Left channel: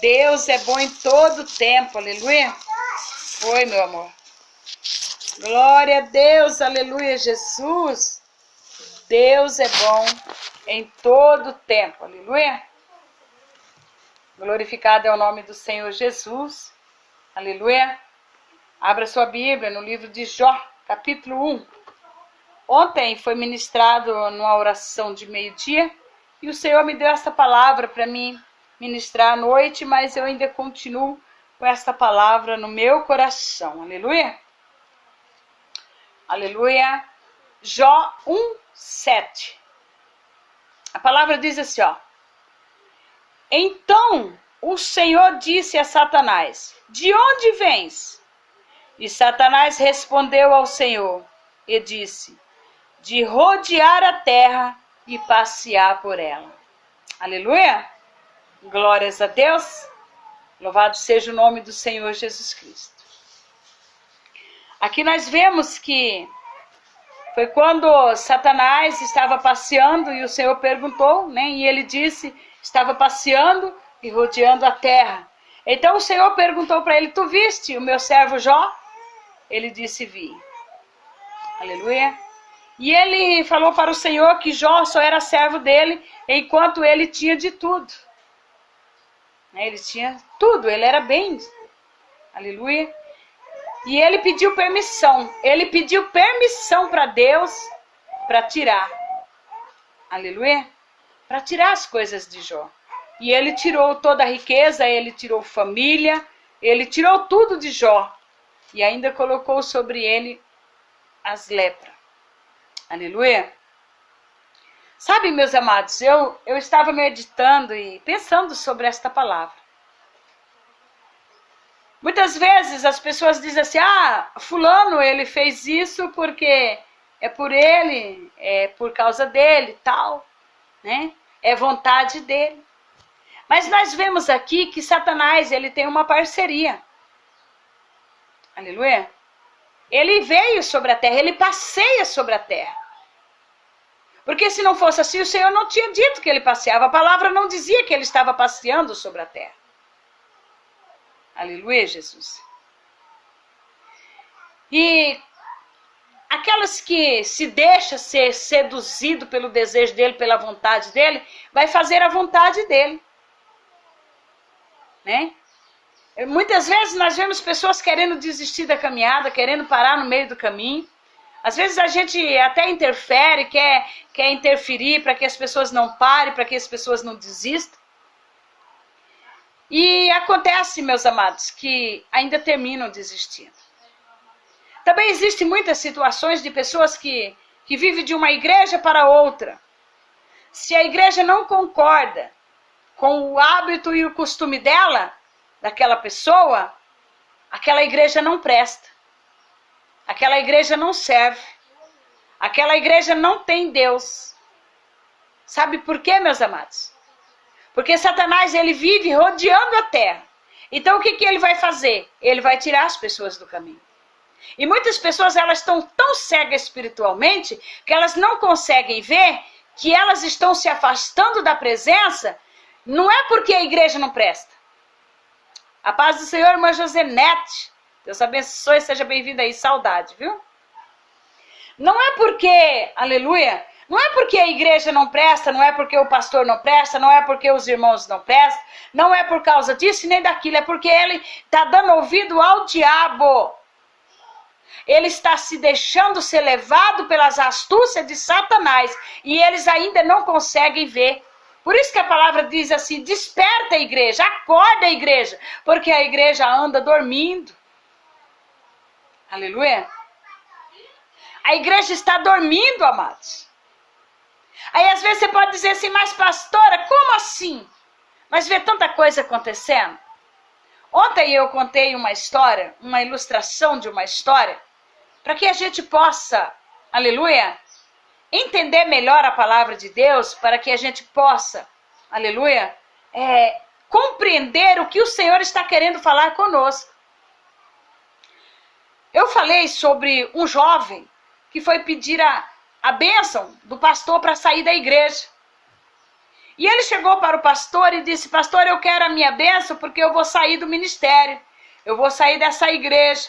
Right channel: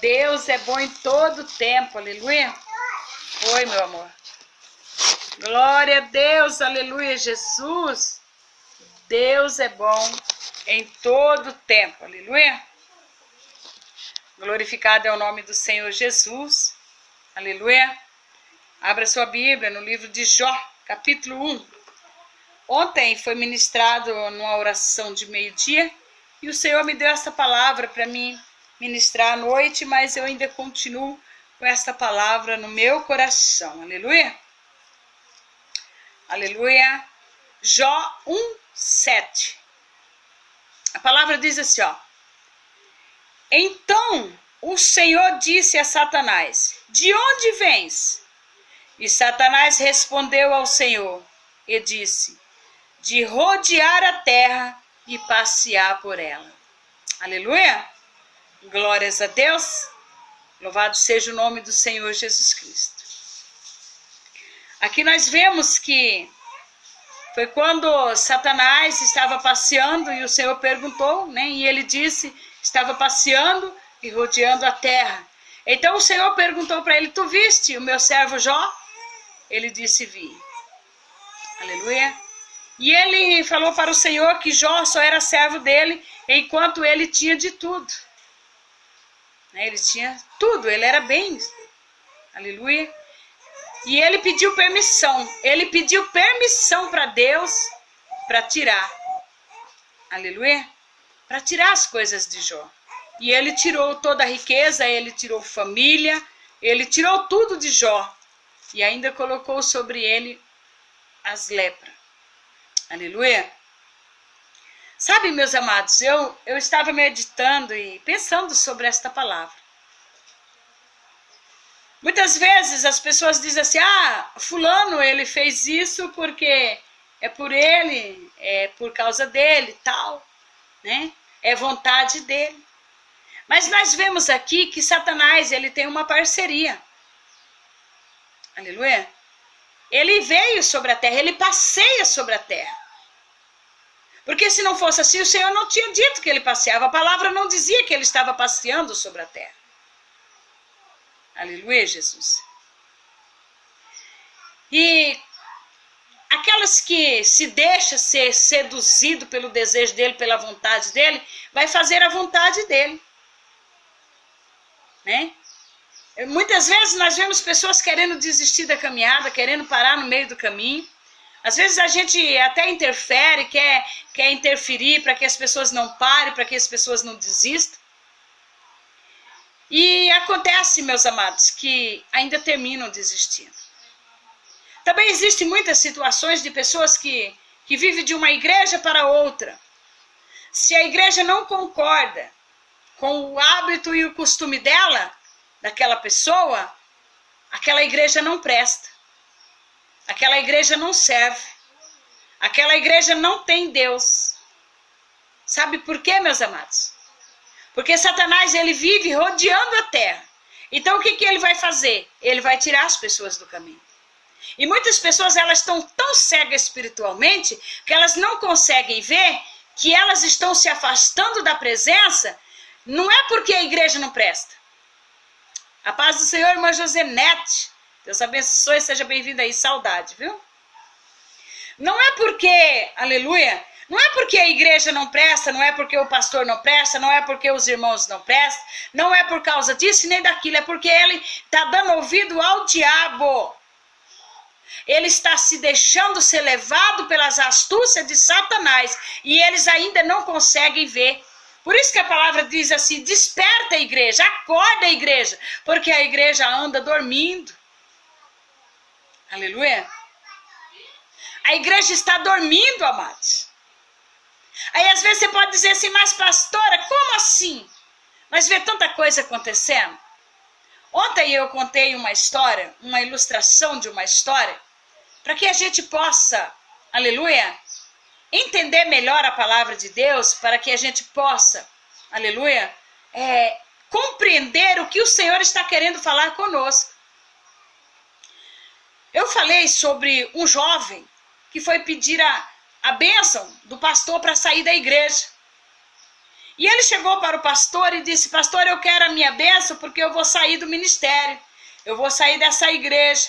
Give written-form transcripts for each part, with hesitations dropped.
Deus é bom em todo tempo, aleluia. Oi, meu amor. Glória a Deus, aleluia, Jesus. Deus é bom em todo tempo, aleluia. Glorificado é o nome do Senhor Jesus, aleluia. Abra sua Bíblia no livro de Jó, capítulo 1. Ontem foi ministrado numa oração de meio-dia e o Senhor me deu essa palavra para mim ministrar à noite, mas eu ainda continuo com essa palavra no meu coração, aleluia. Aleluia. Jó 1:7. A palavra diz assim, ó. Então o Senhor disse a Satanás: de onde vens? E Satanás respondeu ao Senhor e disse: de rodear a terra e passear por ela. Aleluia. Glórias a Deus. Louvado seja o nome do Senhor Jesus Cristo. Aqui nós vemos que foi quando Satanás estava passeando e o Senhor perguntou, né? E ele disse, estava passeando e rodeando a terra. Então o Senhor perguntou para ele: tu viste o meu servo Jó? Ele disse: vi. Aleluia. E ele falou para o Senhor que Jó só era servo dele enquanto ele tinha de tudo. Ele tinha tudo, ele era bem. Aleluia. E ele pediu permissão. Ele pediu permissão para Deus para tirar. Aleluia. Para tirar as coisas de Jó. E ele tirou toda a riqueza, ele tirou família, ele tirou tudo de Jó. E ainda colocou sobre ele as lepras. Aleluia. Sabe, meus amados, eu estava meditando e pensando sobre esta palavra. Muitas vezes as pessoas dizem assim: ah, fulano, ele fez isso porque é por ele, é por causa dele, tal, né? É vontade dele. Mas nós vemos aqui que Satanás, ele tem uma parceria. Aleluia. Ele veio sobre a terra, ele passeia sobre a terra. Porque se não fosse assim, o Senhor não tinha dito que ele passeava. A palavra não dizia que ele estava passeando sobre a terra. Aleluia, Jesus. E aquelas que se deixam ser seduzido pelo desejo dele, pela vontade dele, vai fazer a vontade dele. Né? Muitas vezes nós vemos pessoas querendo desistir da caminhada, querendo parar no meio do caminho. Às vezes a gente até interfere, quer interferir para que as pessoas não parem, para que as pessoas não desistam. E acontece, meus amados, que ainda terminam desistindo. Também existem muitas situações de pessoas que vivem de uma igreja para outra. Se a igreja não concorda com o hábito e o costume dela, daquela pessoa, aquela igreja não presta. Aquela igreja não serve. Aquela igreja não tem Deus. Sabe por quê, meus amados? Porque Satanás, ele vive rodeando a terra. Então o que ele vai fazer? Ele vai tirar as pessoas do caminho. E muitas pessoas, elas estão tão cegas espiritualmente que elas não conseguem ver que elas estão se afastando da presença. Não é porque a igreja não presta. A paz do Senhor, irmã Josenete. Deus abençoe, seja bem-vinda aí, saudade, viu? Não é porque, aleluia, não é porque a igreja não presta, não é porque o pastor não presta, não é porque os irmãos não prestam, não é por causa disso nem daquilo, é porque ele está dando ouvido ao diabo. Ele está se deixando ser levado pelas astúcias de Satanás e eles ainda não conseguem ver. Por isso que a palavra diz assim: desperta a igreja, acorda a igreja, porque a igreja anda dormindo. Aleluia. A igreja está dormindo, amados. Aí às vezes você pode dizer assim: mas pastora, como assim? Mas vê tanta coisa acontecendo. Ontem eu contei uma história, uma ilustração de uma história, para que a gente possa, aleluia, entender melhor a palavra de Deus, para que a gente possa, aleluia, compreender o que o Senhor está querendo falar conosco. Eu falei sobre um jovem que foi pedir a bênção do pastor para sair da igreja. E ele chegou para o pastor e disse: pastor, eu quero a minha bênção porque eu vou sair do ministério. Eu vou sair dessa igreja.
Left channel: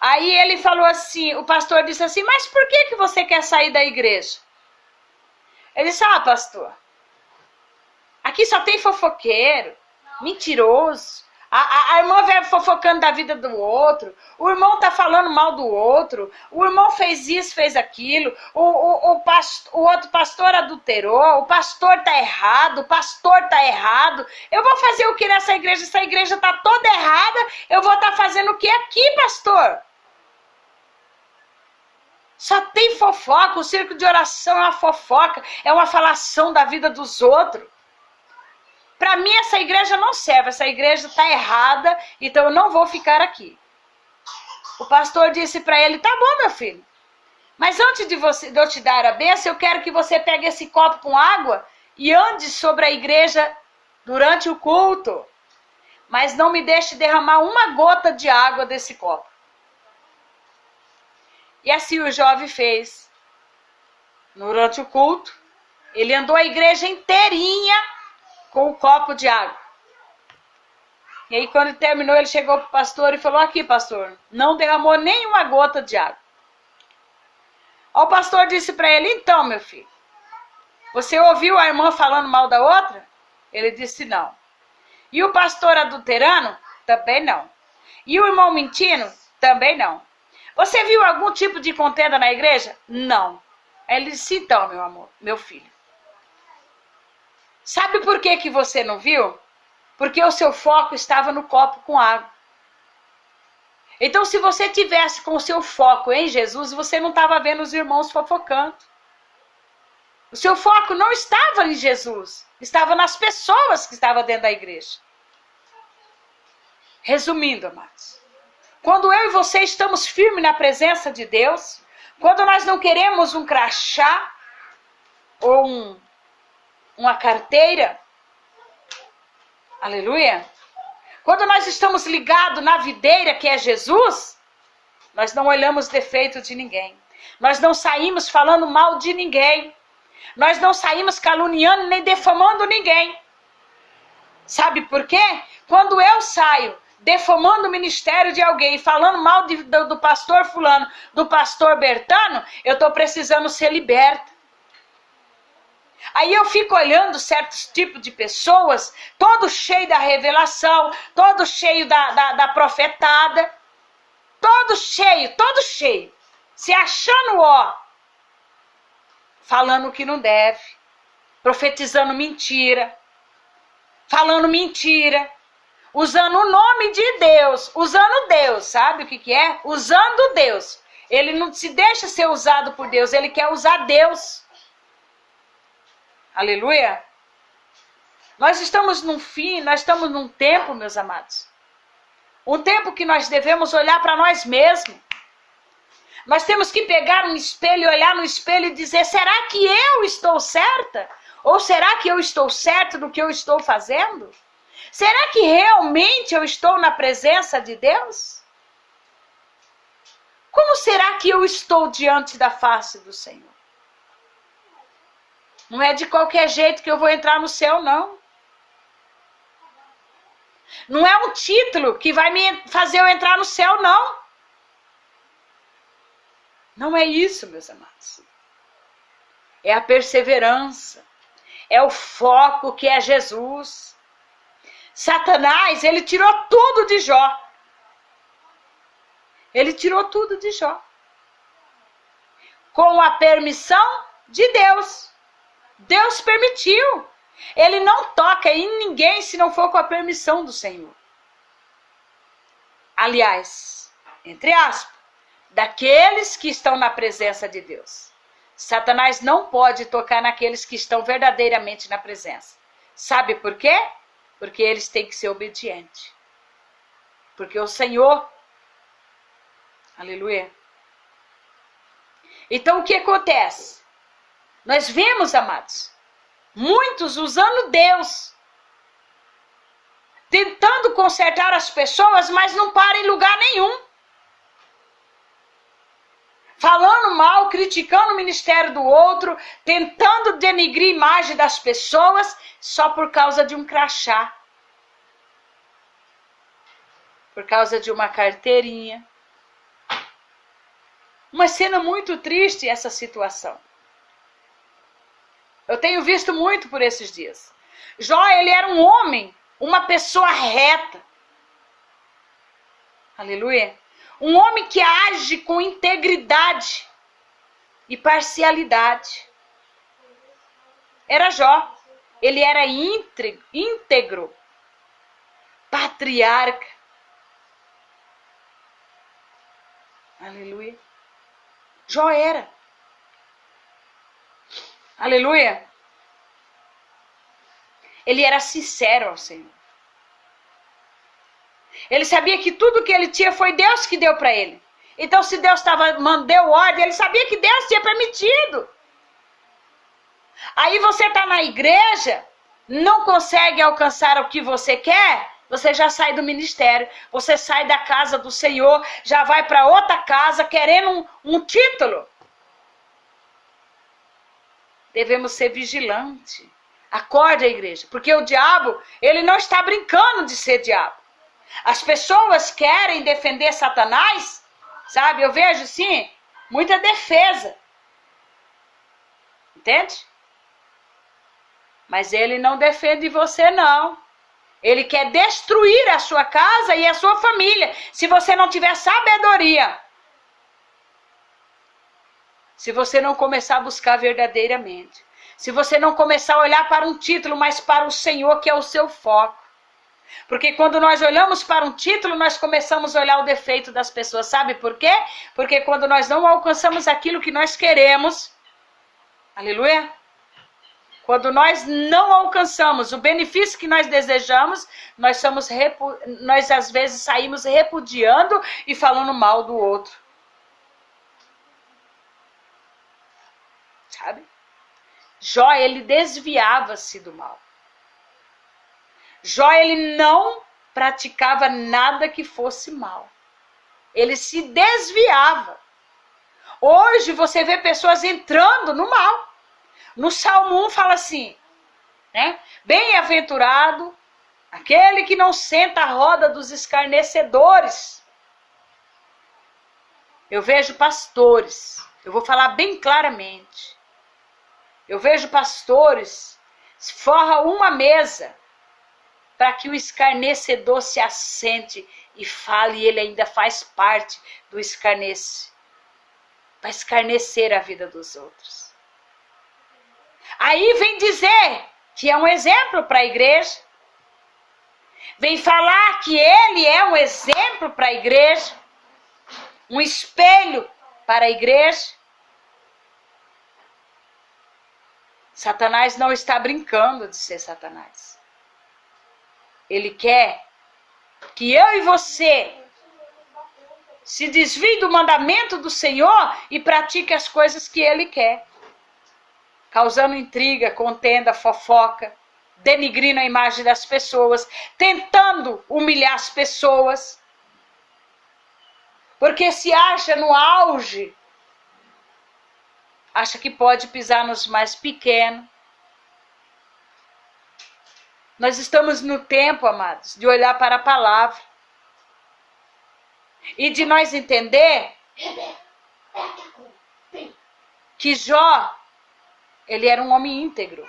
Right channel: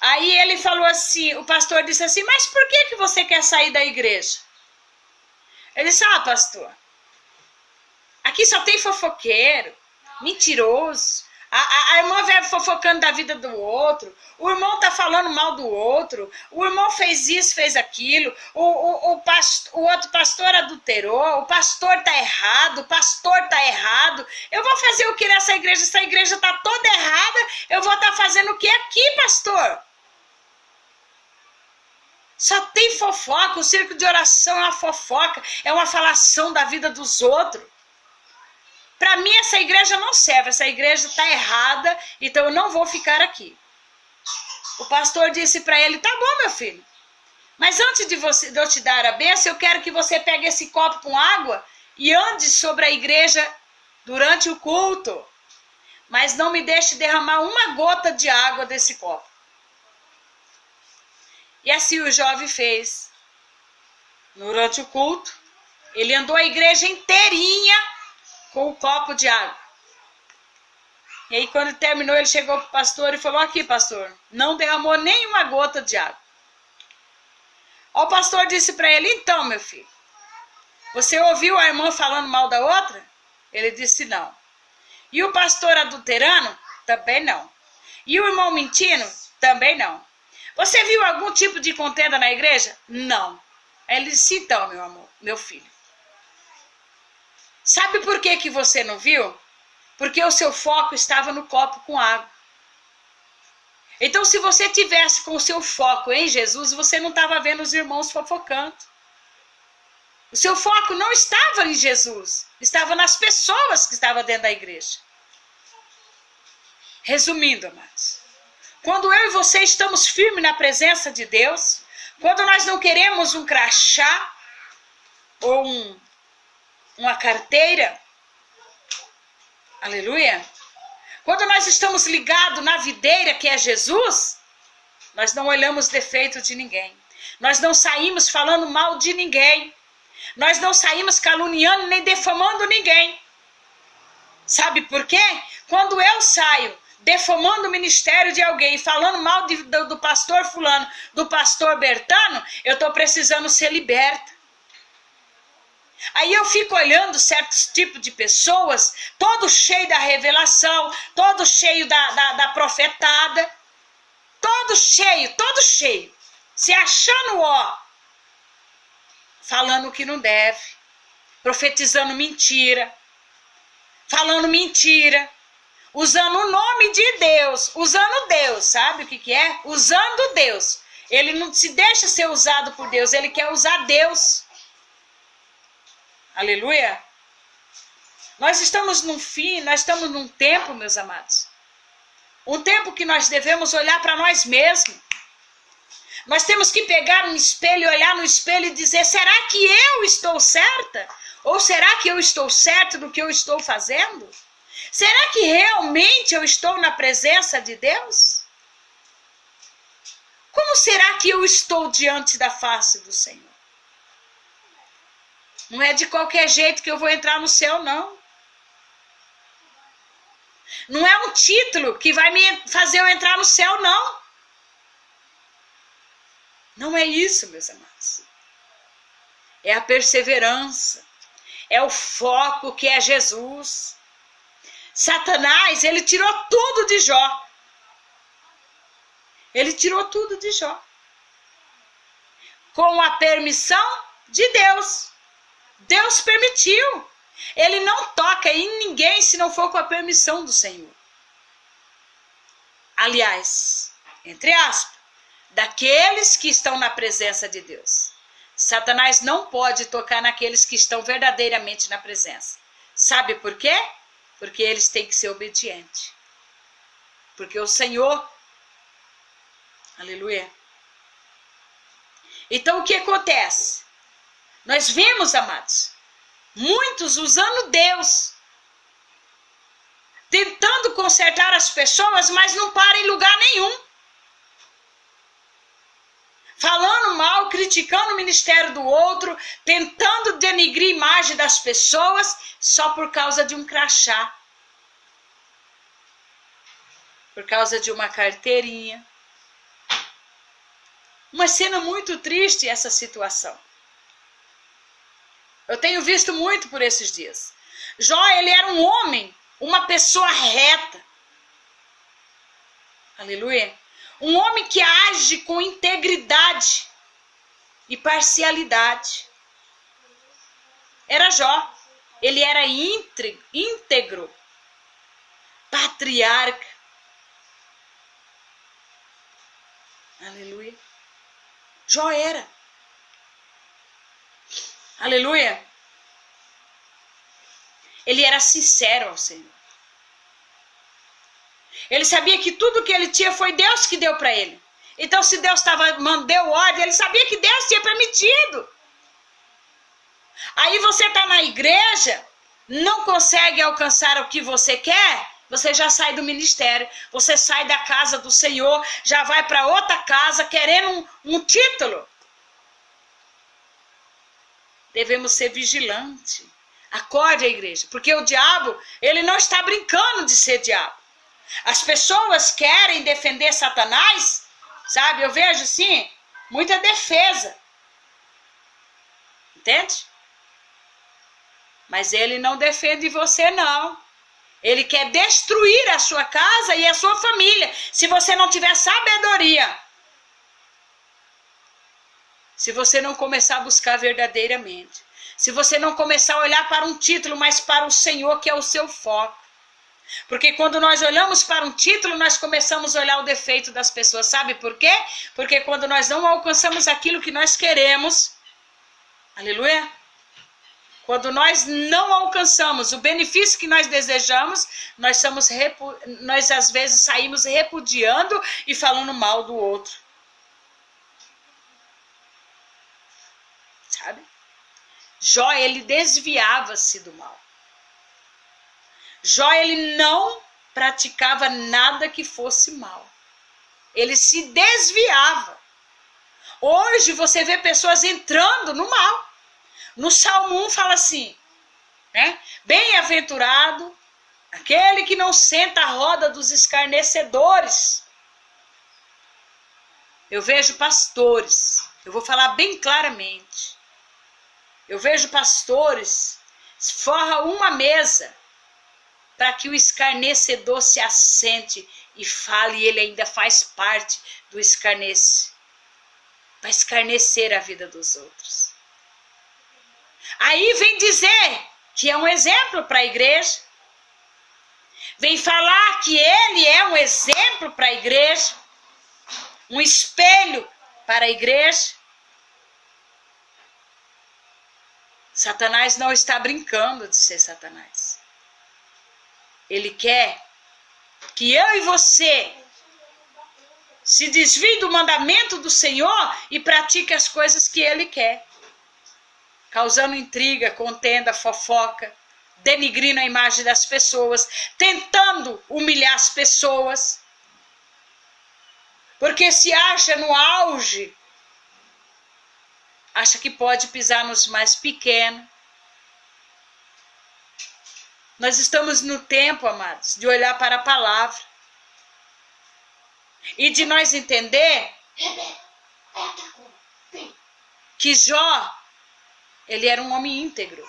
Aí ele falou assim, o pastor disse assim: mas por que você quer sair da igreja? Ele disse: ah, pastor, aqui só tem fofoqueiro, mentiroso. A irmã vai fofocando da vida do outro, o irmão tá falando mal do outro, o irmão fez isso, fez aquilo, o outro pastor adulterou, o pastor tá errado, o pastor tá errado. Eu vou fazer o que nessa igreja? Essa igreja tá toda errada, eu vou estar fazendo o que aqui, pastor? Só tem fofoca, o circo de oração é uma fofoca, é uma falação da vida dos outros. Para mim essa igreja não serve, essa igreja está errada, então eu não vou ficar aqui. O pastor disse para ele: tá bom, meu filho, mas antes de eu te dar a bênção, eu quero que você pegue esse copo com água e ande sobre a igreja durante o culto, mas não me deixe derramar uma gota de água desse copo. E assim o jovem fez. Durante o culto, ele andou a igreja inteirinha com o copo de água. E aí quando terminou, ele chegou para o pastor e falou: aqui, pastor, não derramou nenhuma gota de água. O pastor disse para ele: então, meu filho, você ouviu a irmã falando mal da outra? Ele disse: não. E o pastor adulterando? Também não. E o irmão mentindo? Também não. Você viu algum tipo de contenda na igreja? Não. Ele disse: então, meu amor, meu filho, sabe por que você não viu? Porque o seu foco estava no copo com água. Então, se você tivesse com o seu foco em Jesus, você não estava vendo os irmãos fofocando. O seu foco não estava em Jesus, estava nas pessoas que estavam dentro da igreja. Resumindo, amados, quando eu e você estamos firmes na presença de Deus, quando nós não queremos um crachá ou uma carteira, aleluia, quando nós estamos ligados na videira que é Jesus, nós não olhamos defeito de ninguém, nós não saímos falando mal de ninguém, nós não saímos caluniando nem defamando ninguém. Sabe por quê? Quando eu saio defamando o ministério de alguém, falando mal do pastor fulano, do pastor Bertano, eu estou precisando ser liberta. Aí eu fico olhando certos tipos de pessoas, todo cheio da revelação, todo cheio da profetada, todo cheio, se achando falando o que não deve, profetizando mentira, falando mentira, usando o nome de Deus, usando Deus, sabe o que é? Usando Deus. Ele não se deixa ser usado por Deus, ele quer usar Deus. Aleluia. Nós estamos nós estamos num tempo, meus amados, um tempo que nós devemos olhar para nós mesmos. Nós temos que pegar um espelho, olhar no espelho e dizer: será que eu estou certa? Ou será que eu estou certo do que eu estou fazendo? Será que realmente eu estou na presença de Deus? Como será que eu estou diante da face do Senhor? Não é de qualquer jeito que eu vou entrar no céu, não. Não é um título que vai me fazer eu entrar no céu, não. Não é isso, meus amados. É a perseverança. É o foco que é Jesus. Satanás, ele tirou tudo de Jó. Ele tirou tudo de Jó. Com a permissão de Deus. Deus permitiu. Ele não toca em ninguém se não for com a permissão do Senhor. Aliás, entre aspas, daqueles que estão na presença de Deus. Satanás não pode tocar naqueles que estão verdadeiramente na presença. Sabe por quê? Porque eles têm que ser obedientes. Porque o Senhor, aleluia. Então o que acontece? Nós vemos, amados, muitos usando Deus, tentando consertar as pessoas, mas não para em lugar nenhum. falando mal, criticando o ministério do outro, tentando denigrir a imagem das pessoas só por causa de um crachá, por causa de uma carteirinha. Uma cena muito triste essa situação. Eu tenho visto muito por esses dias. Jó, ele era um homem, uma pessoa reta. Aleluia. Um homem que age com integridade e parcialidade. Era Jó. Ele era íntegro, patriarca. Aleluia. Jó era. Aleluia. Ele era sincero ao Senhor. Ele sabia que tudo que ele tinha foi Deus que deu para ele. Então, se Deus deu ordem, ele sabia que Deus tinha permitido. Aí você está na igreja, não consegue alcançar o que você quer, você já sai do ministério, você sai da casa do Senhor, já vai para outra casa querendo um título. Devemos ser vigilantes. Acorde a igreja, porque o diabo, ele não está brincando de ser diabo. As pessoas querem defender Satanás, sabe? Eu vejo, sim, muita defesa. Entende? Mas ele não defende você, não. Ele quer destruir a sua casa e a sua família, se você não tiver sabedoria. Se você não começar a buscar verdadeiramente. Se você não começar a olhar para um título, mas para o Senhor, que é o seu foco. Porque quando nós olhamos para um título, nós começamos a olhar o defeito das pessoas. Sabe por quê? Porque quando nós não alcançamos aquilo que nós queremos, aleluia, quando nós não alcançamos o benefício que nós desejamos, nós às vezes saímos repudiando e falando mal do outro. Sabe? Jó, ele desviava-se do mal. Jó, ele não praticava nada que fosse mal. Ele se desviava. Hoje você vê pessoas entrando no mal. No Salmo 1 fala assim, né? Bem-aventurado aquele que não senta à roda dos escarnecedores. Eu vejo pastores, eu vou falar bem claramente. Eu vejo pastores, forra uma mesa para que o escarnecedor se assente e fale, e ele ainda faz parte do escarnece. Vai escarnecer a vida dos outros. Aí vem dizer que é um exemplo para a igreja. Vem falar que ele é um exemplo para a igreja. Um espelho para a igreja. Satanás não está brincando de ser Satanás. Ele quer que eu e você se desvie do mandamento do Senhor e pratique as coisas que ele quer. Causando intriga, contenda, fofoca, denigrindo a imagem das pessoas, tentando humilhar as pessoas. Porque se acha no auge, acha que pode pisar nos mais pequenos. Nós estamos no tempo, amados, de olhar para a palavra. E de nós entender que Jó, ele era um homem íntegro.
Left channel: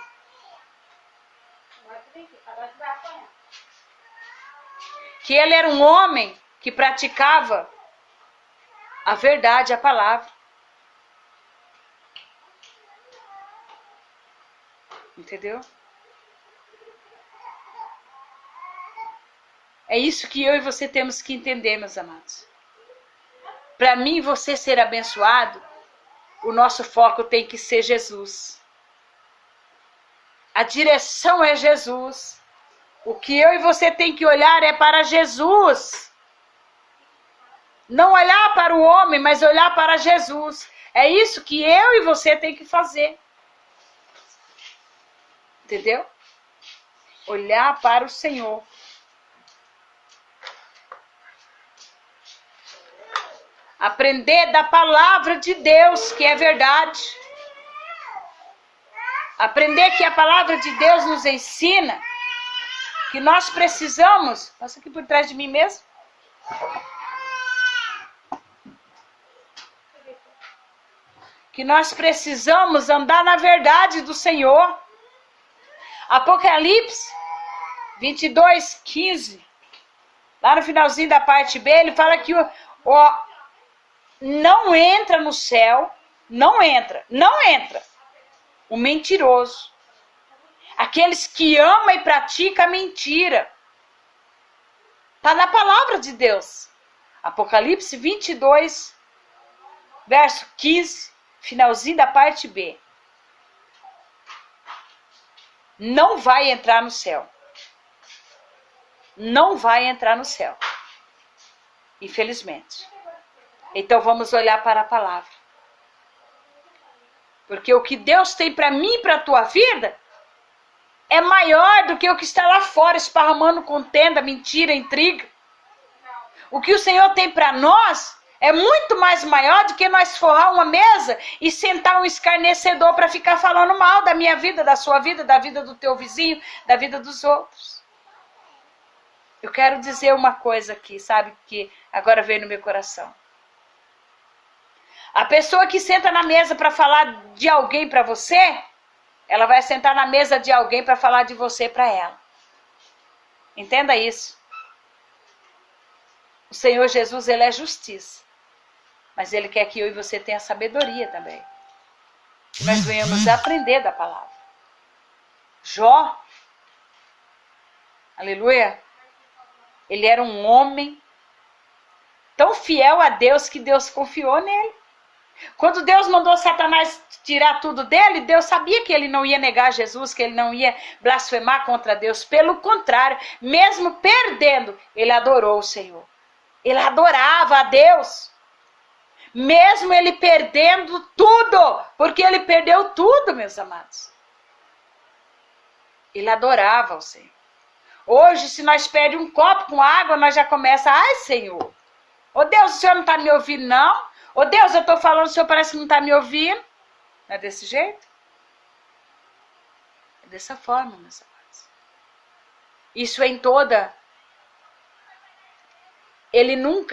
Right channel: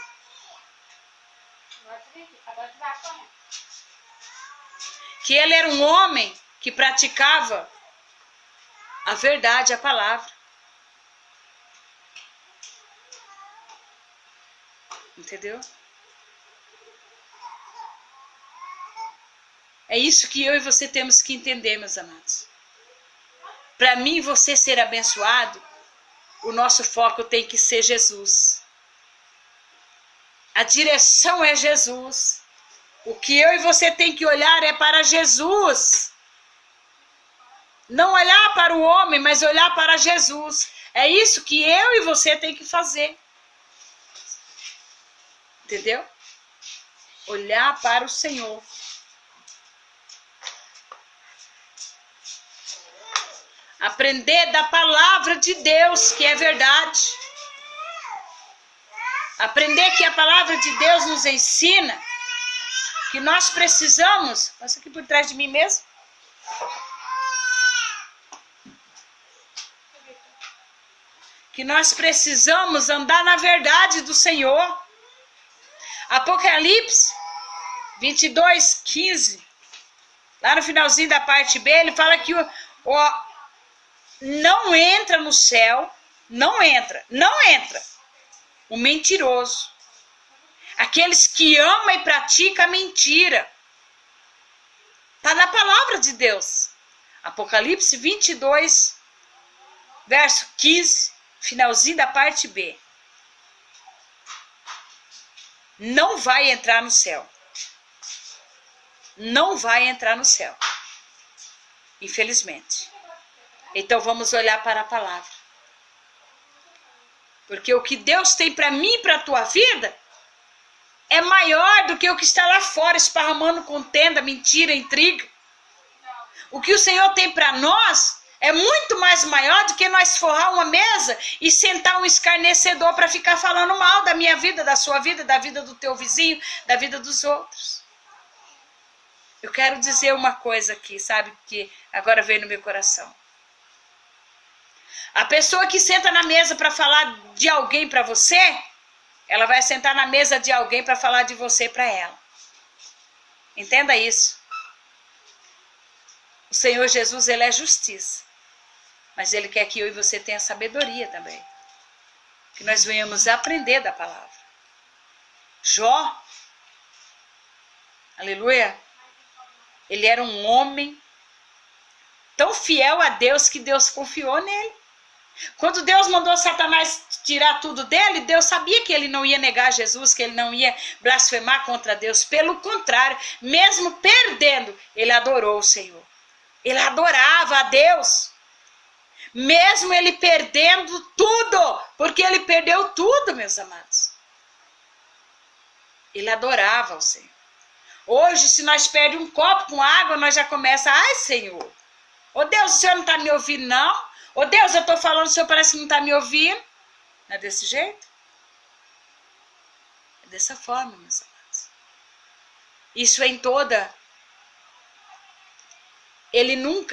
Que ele era um homem que praticava a verdade, a palavra. Entendeu? É isso que eu e você temos que entender, meus amados. Para mim e você ser abençoado, o nosso foco tem que ser Jesus. A direção é Jesus. O que eu e você tem que olhar é para Jesus. Não olhar para o homem, mas olhar para Jesus. É isso que eu e você tem que fazer. Entendeu? Olhar para o Senhor. Aprender da palavra de Deus, que é verdade. Aprender que a palavra de Deus nos ensina que nós precisamos... Passa aqui por trás de mim mesmo. Que nós precisamos andar na verdade do Senhor. Apocalipse 22:15, lá no finalzinho da parte B, ele fala que não entra no céu, não entra o mentiroso, aqueles que amam e praticam a mentira. Está na palavra de Deus. Apocalipse 22, verso 15, finalzinho da parte B. Não vai entrar no céu. Não vai entrar no céu. Infelizmente. Então vamos olhar para a palavra. Porque o que Deus tem para mim e para a tua vida é maior do que o que está lá fora, esparramando contenda, mentira, intriga. O que o Senhor tem para nós é muito mais maior do que nós forrar uma mesa e sentar um escarnecedor para ficar falando mal da minha vida, da sua vida, da vida do teu vizinho, da vida dos outros. Eu quero dizer uma coisa aqui, sabe, que agora veio no meu coração. A pessoa que senta na mesa para falar de alguém para você, ela vai sentar na mesa de alguém para falar de você para ela. Entenda isso. O Senhor Jesus, ele é justiça. Mas ele quer que eu e você tenha sabedoria também. Que nós venhamos aprender da palavra. Jó, aleluia, ele era um homem tão fiel a Deus que Deus confiou nele. Quando Deus mandou Satanás tirar tudo dele, Deus sabia que ele não ia negar Jesus, que ele não ia blasfemar contra Deus. Pelo contrário, mesmo perdendo, ele adorou o Senhor. Ele adorava a Deus. Mesmo ele perdendo tudo, porque ele perdeu tudo, meus amados. Ele adorava o Senhor. Hoje, se nós perdemos um copo com água, nós já começamos, ai Senhor, ô Deus, o Senhor não está me ouvindo não? Ô Deus, eu estou falando, o Senhor parece que não está me ouvindo. Não é desse jeito? É dessa forma, meus amados. Isso é em toda...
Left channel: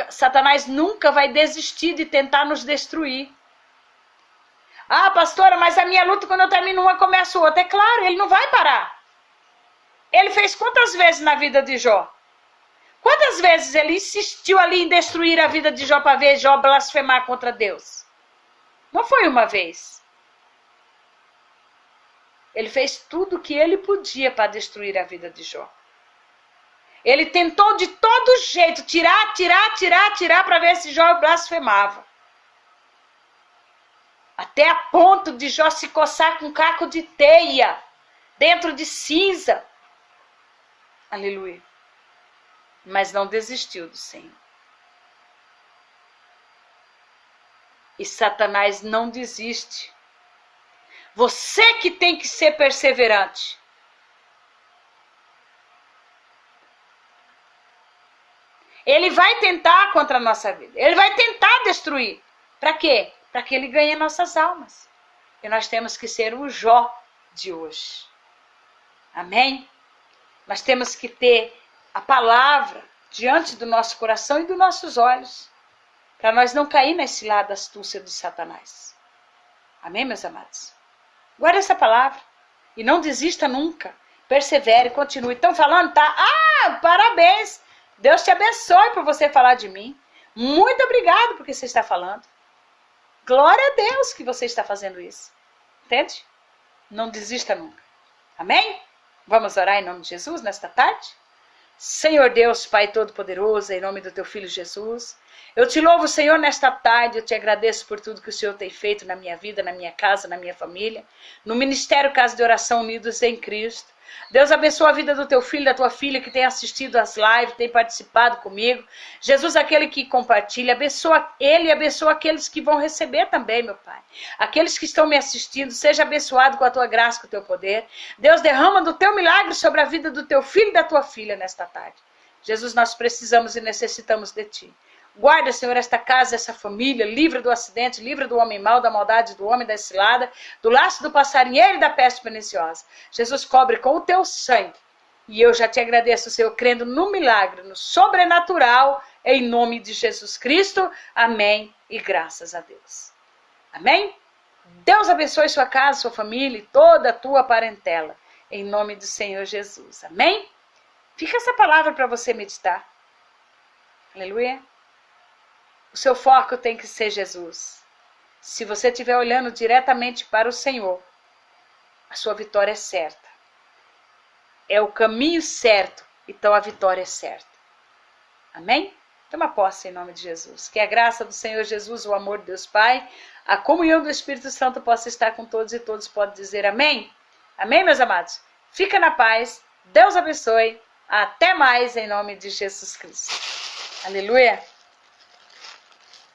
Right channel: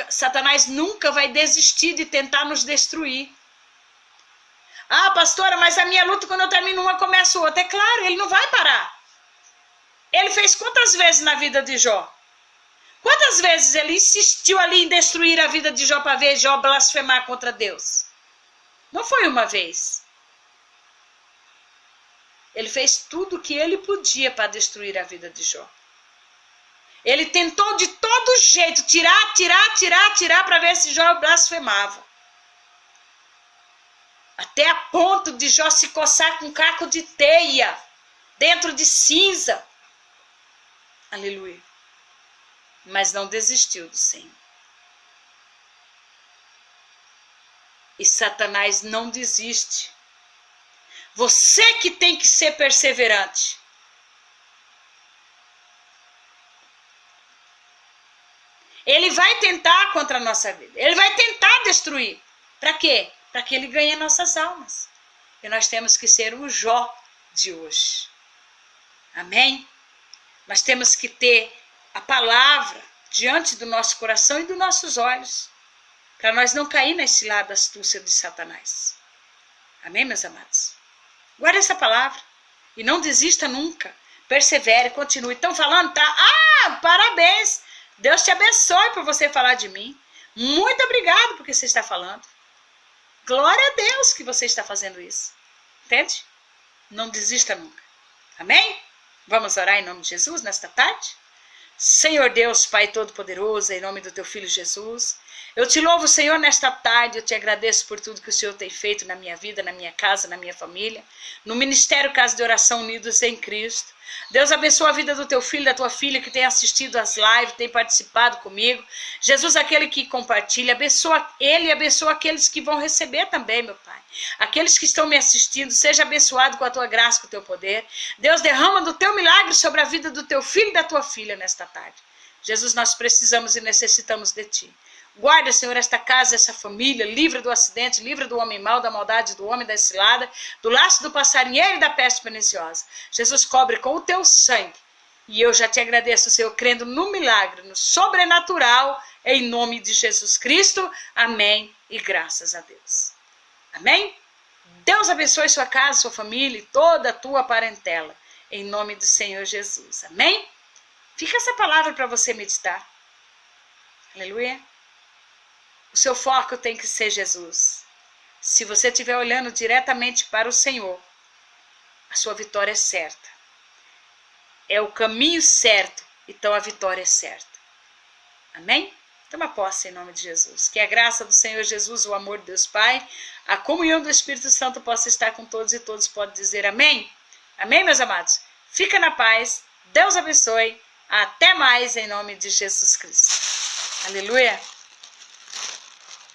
Satanás nunca vai desistir de tentar nos destruir. Ah, pastora, mas a minha luta, quando eu termino uma, começa outra. É claro, ele não vai parar. Ele fez quantas vezes na vida de Jó? Quantas vezes ele insistiu ali em destruir a vida de Jó para ver Jó blasfemar contra Deus? Não foi uma vez. Ele fez tudo o que ele podia para destruir a vida de Jó. Ele tentou de todo jeito tirar para ver se Jó blasfemava. Até a ponto de Jó se coçar com um caco de teia, dentro de cinza. Aleluia. Mas não desistiu do Senhor. E Satanás não desiste. Você que tem que ser perseverante. Ele vai tentar contra a nossa vida. Ele vai tentar destruir. Para quê? Para que ele ganhe nossas almas. E nós temos que ser o Jó de hoje. Amém? Nós temos que ter a palavra diante do nosso coração e dos nossos olhos. Para nós não cair na cilada da astúcia de Satanás. Amém, meus amados? Guarde essa palavra. E não desista nunca. Persevere, continue. Estão falando, tá? Ah, parabéns. Deus te abençoe por você falar de mim. Muito obrigado por que você está falando. Glória a Deus que você está fazendo isso. Entende? Não desista nunca. Amém? Vamos orar em nome de Jesus nesta tarde? Senhor Deus, Pai Todo-Poderoso, em nome do Teu Filho Jesus, eu te louvo, Senhor, nesta tarde, eu te agradeço por tudo que o Senhor tem feito na minha vida, na minha casa, na minha família, no Ministério Casa de Oração Unidos em Cristo. Deus abençoa a vida do teu filho, da tua filha que tem assistido as lives, tem participado comigo. Jesus, aquele que compartilha, abençoa ele e abençoa aqueles que vão receber também, meu Pai. Aqueles que estão me assistindo, seja abençoado com a tua graça, com o teu poder. Deus, derrama do teu milagre sobre a vida do teu filho e da tua filha nesta tarde. Jesus, nós precisamos e necessitamos de ti. Guarda, Senhor, esta casa, essa família, livra do acidente, livra do homem mau, da maldade do homem, da cilada, do laço do passarinheiro e da peste perniciosa. Jesus, cobre com o teu sangue. E eu já te agradeço, Senhor, crendo no milagre, no sobrenatural, em nome de Jesus Cristo. Amém e graças a Deus. Amém? Deus abençoe sua casa, sua família e toda a tua parentela. Em nome do Senhor Jesus. Amém? Fica essa palavra para você meditar. Aleluia. O seu foco tem que ser Jesus. Se você estiver olhando diretamente para o Senhor, a sua vitória é certa. É o caminho certo, então a vitória é certa. Amém? Toma posse em nome de Jesus. Que a graça do Senhor Jesus, o amor de Deus Pai, a comunhão do Espírito Santo possa estar com todos e todos podem dizer amém? Amém, meus amados? Fica na paz. Deus abençoe. Até mais em nome de Jesus Cristo. Aleluia.